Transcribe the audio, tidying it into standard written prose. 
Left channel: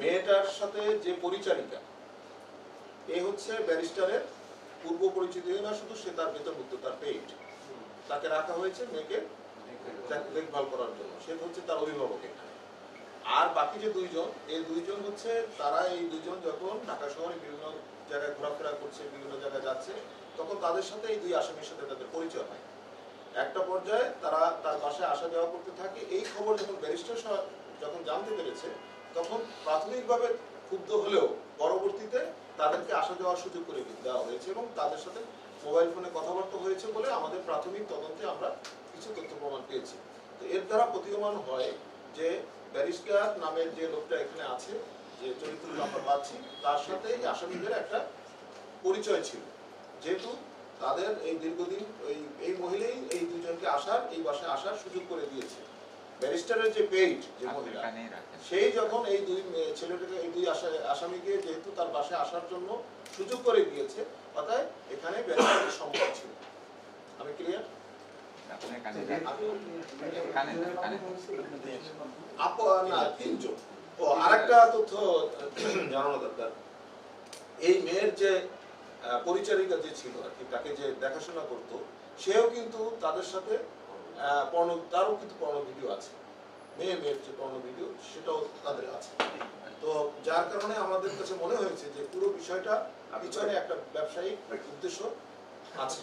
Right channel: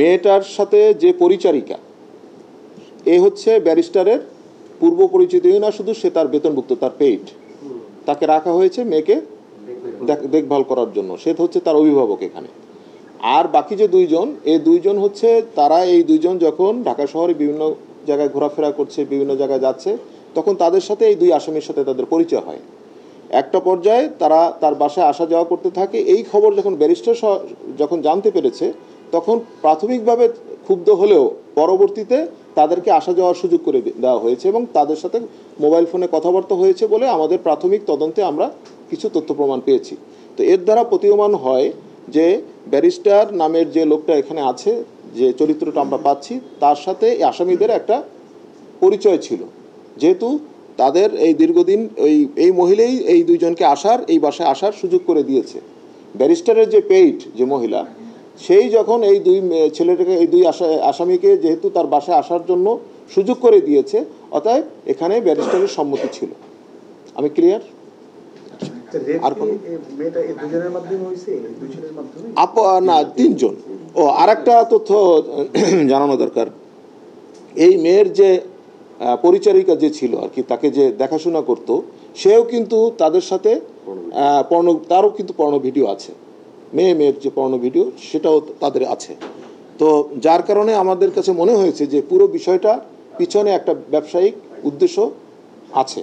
মেয়েটার সাথে যে পরিচারিকা এ হচ্ছে ব্যারিস্টারের পূর্ব পরিচিতই না শুধু, সে তার বেতনভুক্ত, তার পেইড, তাকে রাখা হয়েছে মেয়েকে দেখভাল করার জন্য, সে হচ্ছে তার অভিভাবক এখানে। আর বাকি যে দুইজন, এই দুইজন হচ্ছে তারা, এই দুইজন যখন ঢাকা শহরে বিভিন্ন জায়গায় ঘোরাফেরা করছে, বিভিন্ন জায়গায় যাচ্ছে, তখন তাদের সাথে এই দুই আসামির সাথে তাদের পরিচয় হয়। একটা পর্যায়ে তারা তার বাসায় আসা যাওয়া করতে থাকে। এই খবর যখন ব্যারিস্টার যখন জানতে পেরেছে, তখন প্রাথমিকভাবে ক্ষুব্ধ হলেও পরবর্তীতে তাদেরকে আসা যাওয়ার সুযোগ করে দেওয়া হয়েছে এবং তাদের সাথে মোবাইল ফোনে কথাবার্তা হয়েছে বলে আমাদের প্রাথমিক তদন্তে আমরা কিছু তথ্য প্রমাণ পেয়েছি। তো এর দ্বারা প্রতীয়মান হয় যে ব্যারিস্টার নামের যে লোকটা এখানে আছে, যে চরিত্রটা আমরা পাচ্ছি, তার সাথে আসামিদের একটা পরিচয় ছিল, যেহেতু তাদের এই দীর্ঘদিন এই মহিলাই এই দুইজনকে এই বাসায় আসার সুযোগ করে দিয়েছে। ব্যারিস্টারের যে পেইড যে মহিলা, সেই যখন এই দুই ছেলেটাকে, এই দুই আসামিকে যেহেতু তার বাসায় আসার জন্য সুযোগ করে দিয়েছে, অতএব এখানে ব্যারিস্টারের সম্মতি ছিল। আমি ক্লিয়ার? আর কোন না, তিনজন। ও আর একটা তথ্য জানানো দরকার, এই মেয়ের যে পরিচারিকা যে ছিল আর কি, তাকে যে দেখাশোনা করতো, সেও কিন্তু তাদের সাথে তারও কিন্তু পর্ণ ভিডিও আছে, মেয়ের যে পর্ণ ভিডিও সেটাও তাদের আছে। তো যার কারণে আমাদের কাছে মনে হয়েছে যে পুরো বিষয়টা পিছনে একটা ব্যবসায়িক উদ্দেশ্য আছে।